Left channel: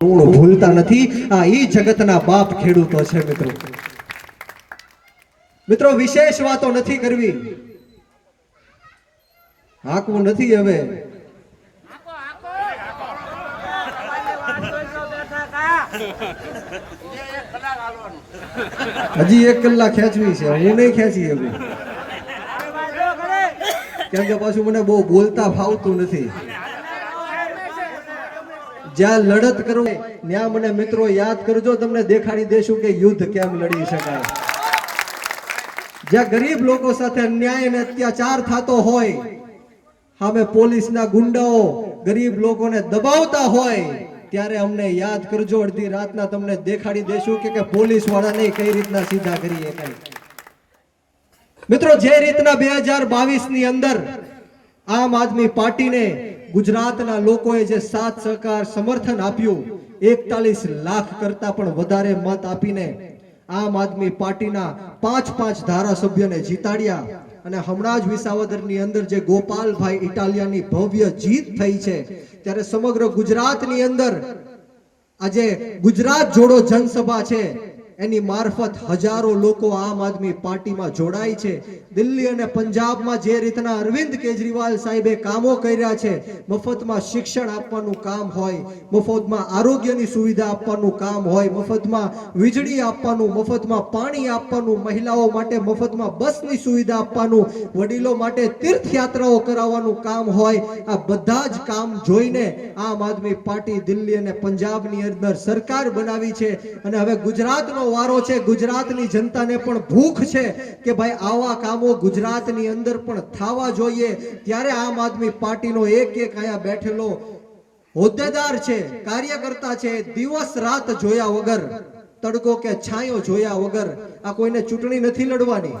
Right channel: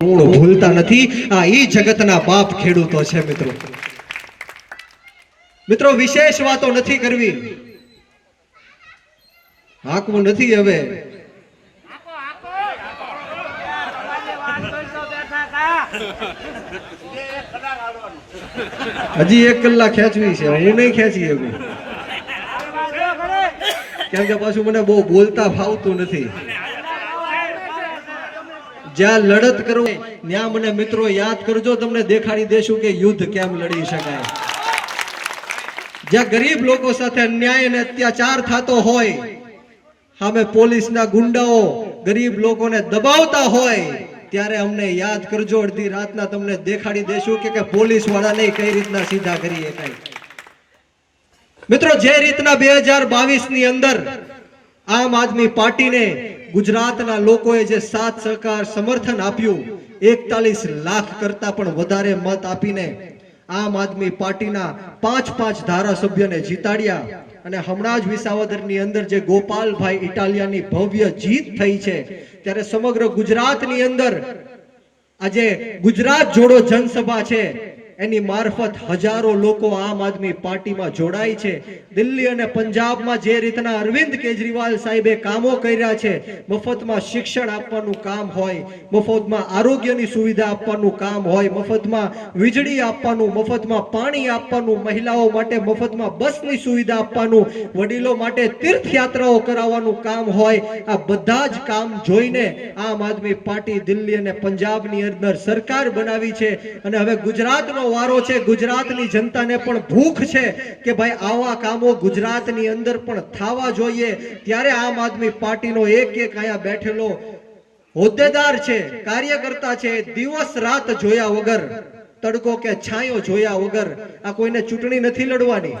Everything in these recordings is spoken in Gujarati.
ભૂલતા નથી આ ઈ જગતના બાપ ખેડૂતો છે મિત્રો। મિત્રો વિશેષ વાતો નથી કરવી, હાકવું નથી હવે। હજી 1 કલાક ખેંચવી છે, હું નહીં ખેંચી શકું કેમ કે પાછું મને બહુ બોલતા ફાવતું નથી। જ્યાં લડત કરો ત્યાં મને મિત્રો યાદ કરજો, તમને દેખાડી દેશું કે યુદ્ધ કેમ લડી શકાય। જ્યાં ગરીબ લોકો સાથે અન્યાય અને અત્યાચાર થતો હોય, સામે પોલીસના ગુંડાઓ ગરીબ લોકોને દબાવતા હોય, ત્યારે અમને યાદ કરજો। અડધી રાતના તમને દેખાડી દેશું કે પોલીસ વાળાને કઈ રીતના સીધા કરી શકાય। મિત્રો જે રીતના 2022 ની અંદર આમ આદમી પાર્ટીને ગુજરાતના લોકોએ જે સાથ સહકાર સમર્થન આપ્યું, 41 લાખ કરતા પણ વધારે મત આપીને આમ આદમી પાર્ટીના 5 ધારાસભ્યોને જીતાડ્યા અને હમણાં જ વિસાવદરની અંદર જે ગોપાલભાઈ ઇટાલિયાની ભવ્ય જીત થઈ છે, ત્યારે સમગ્ર ગુજરાતની અંદર આજે ગુજરાત જોડો જનસભા છે, એની મારફત હજારો લોકો આમ આદમી પાર્ટીમાં જોડાય છે। દિલ્હી અને પંજાબમાં જે રીતના અરવિંદ કેજરીવાલ સાહેબે કામો કર્યા છે, મફતમાં શિક્ષણ આપવાનું કામ હોય, મફતમાં આરોગ્યની સુવિધા આપવાનું કામ હોય, મફતમાં વીજળી આપવાનું, મફતમાં પાણી આપવાનું, મહિલાઓ માટે મફતમાં બસની સુવિધા આપવાનું, વડીલો માટે તીર્થયાત્રાઓ કરાવવાનું કામ હોય, આ બધા જ કામ જોઈને આમ આદમી પાર્ટી દિલ્હી અને પંજાબની અંદર સરકાર બનાવી છે। અને હવે ગુજરાતનો વારો છે। ગુજરાતની જનતાને પણ ભૂખ છે કે ભાઈ આવા કામો ગુજરાતની અંદર પણ થવા જોઈએ, ત્યારે આમ આદમી પાર્ટીનો એક અહીંયા બેઠેલો હોદ્દેદાર છે, કાર્યકર્તા છે, દિવસ રાત જોયા વગર, તડકો કે છાંયો જોયા વગર આ કોઈને ચૂંટણી નથી લડવાની,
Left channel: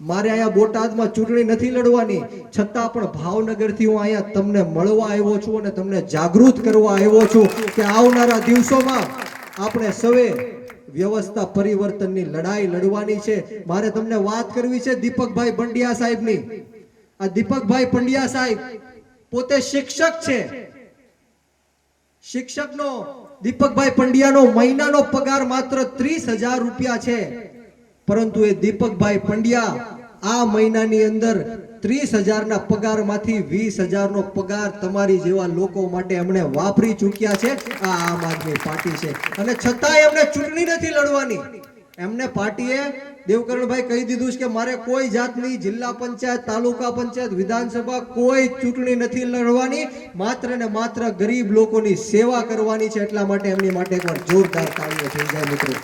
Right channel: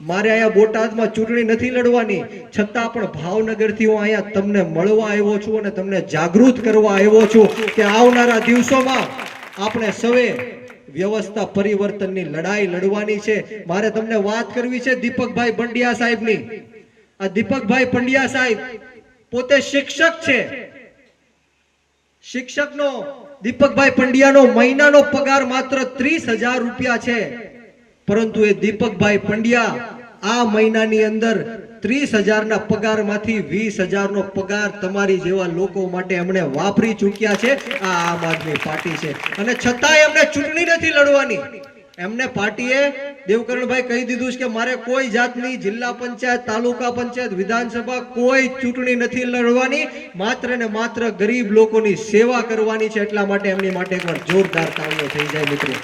મારે અહીંયા બોટાદમાં ચૂંટણી નથી લડવાની, છતાં પણ ભાવનગરથી હું અહીંયા તમને મળવા આવ્યો છું અને તમને જાગૃત કરવા આવ્યો છું કે આવનારા દિવસોમાં આપણે સૌએ વ્યવસ્થા પરિવર્તનની લડાઈ લડવાની છે। મારે તમને વાત કરવી છે દીપકભાઈ પંડ્યા સાહેબની। આ દીપકભાઈ પંડ્યા સાહેબ પોતે શિક્ષક છે। શિક્ષકનો દીપકભાઈ પંડ્યાનો મહિનાનો પગાર માત્ર 30,000 રૂપિયા છે, પરંતુ એ દીપકભાઈ પંડ્યા આ મહિનાની અંદર 30,000 ના પગારમાંથી 20,000 નો પગાર તમારી જેવા લોકો માટે એમણે વાપરી ચૂક્યા છે। આ આમ આદમી પાર્ટી છે અને છતાંય એમને ચૂંટણી નથી લડવાની। એમને પાર્ટીએ દેવકરણભાઈ કહી દીધું છે કે મારે કોઈ જાતની જિલ્લા પંચાયત, તાલુકા પંચાયત, વિધાનસભા કોઈ ચૂંટણી નથી લડવાની, માત્ર ને માત્ર ગરીબ લોકોની સેવા કરવાની છે। એટલા માટે એમની માટે એકવાર જોરદાર તાળીઓ થઈ જાય મિત્રો।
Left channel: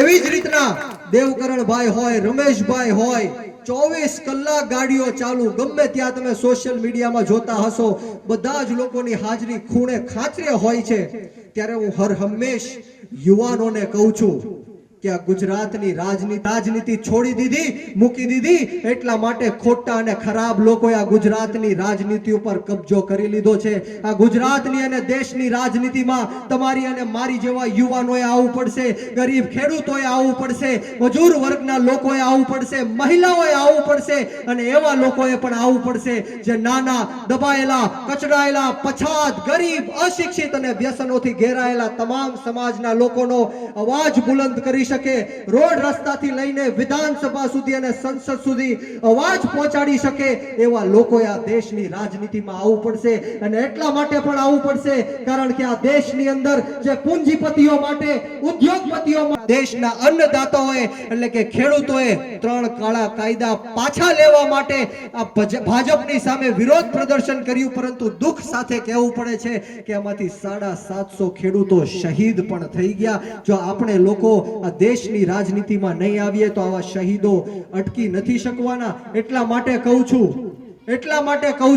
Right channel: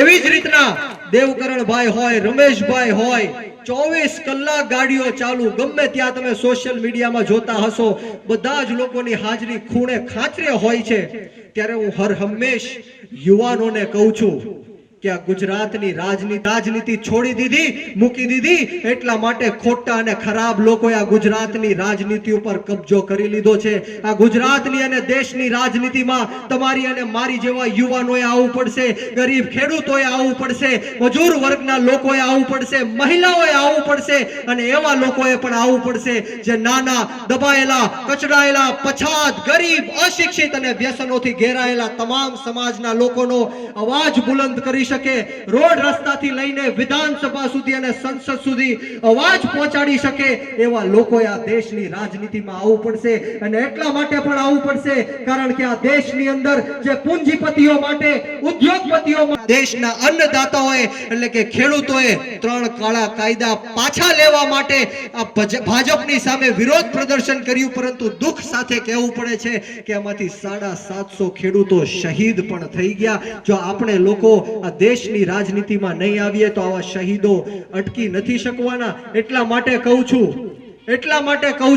એવી જ રીતના દેવકરણભાઈ હોય, રમેશભાઈ હોય, 24 કલાક ગાડીઓ ચાલુ, ગમે ત્યાં તમે સોશિયલ મીડિયામાં જોતા હશો, બધા જ લોકોની હાજરી ખૂણે ખાંચરે હોય છે। ત્યારે હું હર હંમેશ યુવાનોને કહું છું કે આ ગુજરાતની રાજનીતિ છોડી દીધી, મૂકી દીધી, એટલા માટે ખોટા અને ખરાબ લોકોએ આ ગુજરાતની રાજનીતિ ઉપર કબજો કરી લીધો છે। આ ગુજરાતની અને દેશની રાજનીતિમાં તમારી અને મારી જેવા યુવાનોએ આવવું પડશે, ગરીબ ખેડૂતોએ આવવું પડશે, મજૂર વર્ગના લોકોએ આવવું પડશે, મહિલાઓએ આવવું પડશે અને એવા લોકોએ પણ આવવું પડશે જે નાના, દબાયેલા, કચડાયેલા, પછાત, ગરીબ, અશિક્ષિત અને વ્યસનોથી ઘેરાયેલા તમામ સમાજના લોકોનો અવાજ બુલંદ કરી શકે, રોડ રસ્તાથી લઈને વિધાનસભા સુધી અને સંસદ સુધી અવાજ પહોંચાડી શકે એવા લોકોએ આ દેશની રાજનીતિમાં આવવું પડશે। અને એટલા માટે પણ આવવું પડશે કારણ કે આ દેશની અંદર જે પૂંજીપતિઓ માટે, ઉદ્યોગપતિઓ માટે, દેશના અન્નદાતાઓએ એટલે કે ખેડૂતોએ 3 કાળા કાયદા પાછા લેવા માટે આ ભાજપની સામે વિરોધ પ્રદર્શન કર્યું, પરંતુ દુઃખ સાથે કહેવું પડે છે કે આમાંથી 750 ખેડૂતો શહીદ પણ થઈ ગયા। જો આપણે લોકો આ દેશની રાજનીતિમાં નહીં આવીએ તો આવા શહીદો અટકી નથી શકવાના। એટલા માટે કહું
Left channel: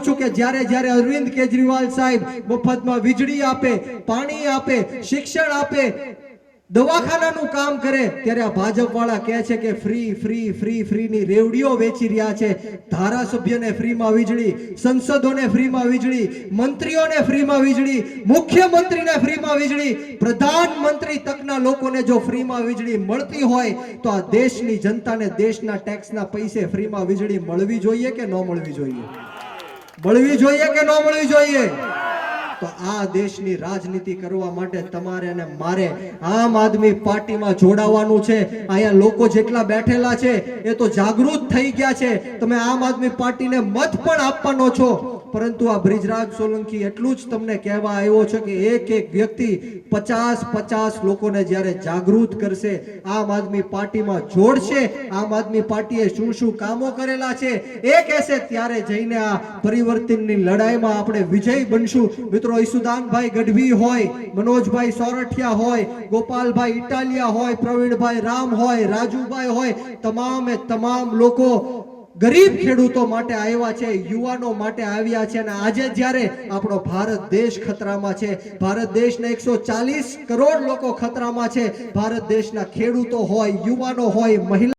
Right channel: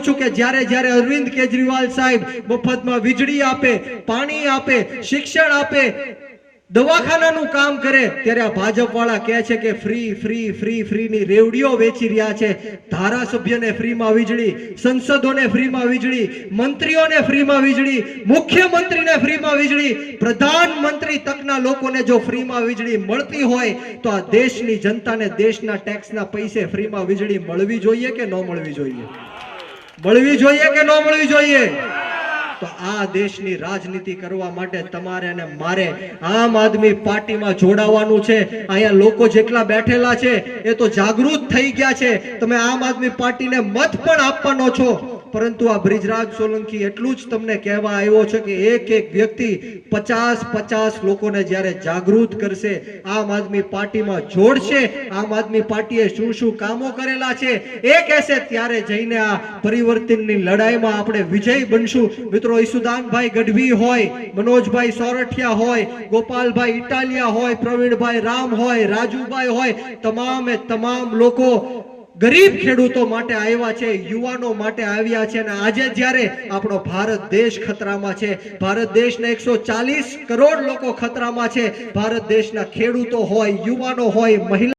છું કે જ્યારે અરવિંદ કેજરીવાલ સાહેબ મફતમાં વીજળી આપે, પાણી આપે, શિક્ષણ આપે, દવાખાનાનું કામ કરે, ત્યારે આ ભાજપ વાળા કહે છે કે ફ્રી ની રેવડીઓ વેચી રહ્યા છે। ધારાસભ્યને ફ્રીમાં વીજળી, સંસદોને ફ્રીમાં વીજળી, મંત્રીઓને ફ્રીમાં વીજળી, મુખ્યમંત્રીને ફ્રીમાં વીજળી, પ્રધાનમંત્રી તકના લોકોને જો ફ્રીમાં વીજળી મળતી હોય તો આ દેશની જનતાને દેશના ટેક્સના પૈસે ફ્રીમાં વીજળી મળવી જોઈએ કે ન મળવી જોઈએ? મળવી જોઈએ કે ન મળવી જોઈએ? તો આ દેશની રાજનીતિ કરવા માટે તમારે અને મારે આમ આદમી પાર્ટીમાં જોડાવાનું છે. અહીંયા લોકો જેટલા બેઠેલા છે એ તો જાગૃત થઈ ગયા છે. તમે આમ આદમી પાર્ટીને મત પણ આપવાનો છો, પરંતુ આ બ્રિજરાજ સોલંકી એટલું જ તમને કહેવા આવ્યો છે કે એક એક વ્યક્તિ 50 લોકોને જ્યારે જાગૃત કરશે, આમ આદમી પાર્ટીમાં જોડશે, આમ આદમી પાર્ટીએ શું શું કામો કરેલા છે એ કહેશે, ત્યારે જઈને આ પરિવર્તનની લડાઈમાં આપણે વિજય બનશું. મિત્રો, ઈસુદાનભાઈ ગઢવી હોય, મનોજભાઈ સોરઠિયા હોય, ગોપાલભાઈ ઇટાલિયા હોય, પ્રવીણભાઈ રામ હોય, રાજુભાઈ હોય, તમામે તમામ લોકો ગરીબ ખેડૂતો માટે આવ્યા છે, યુવાનો માટે આવ્યા છે. અને આજે જ્યારે આપણો ભારત દેશ ખતરામાં છે, ભારત દેશના 140 કરોડ લોકો ખતરામાં છે, ભારત દેશના ખેડૂતો હોય, યુવાનો હોય, મહિલા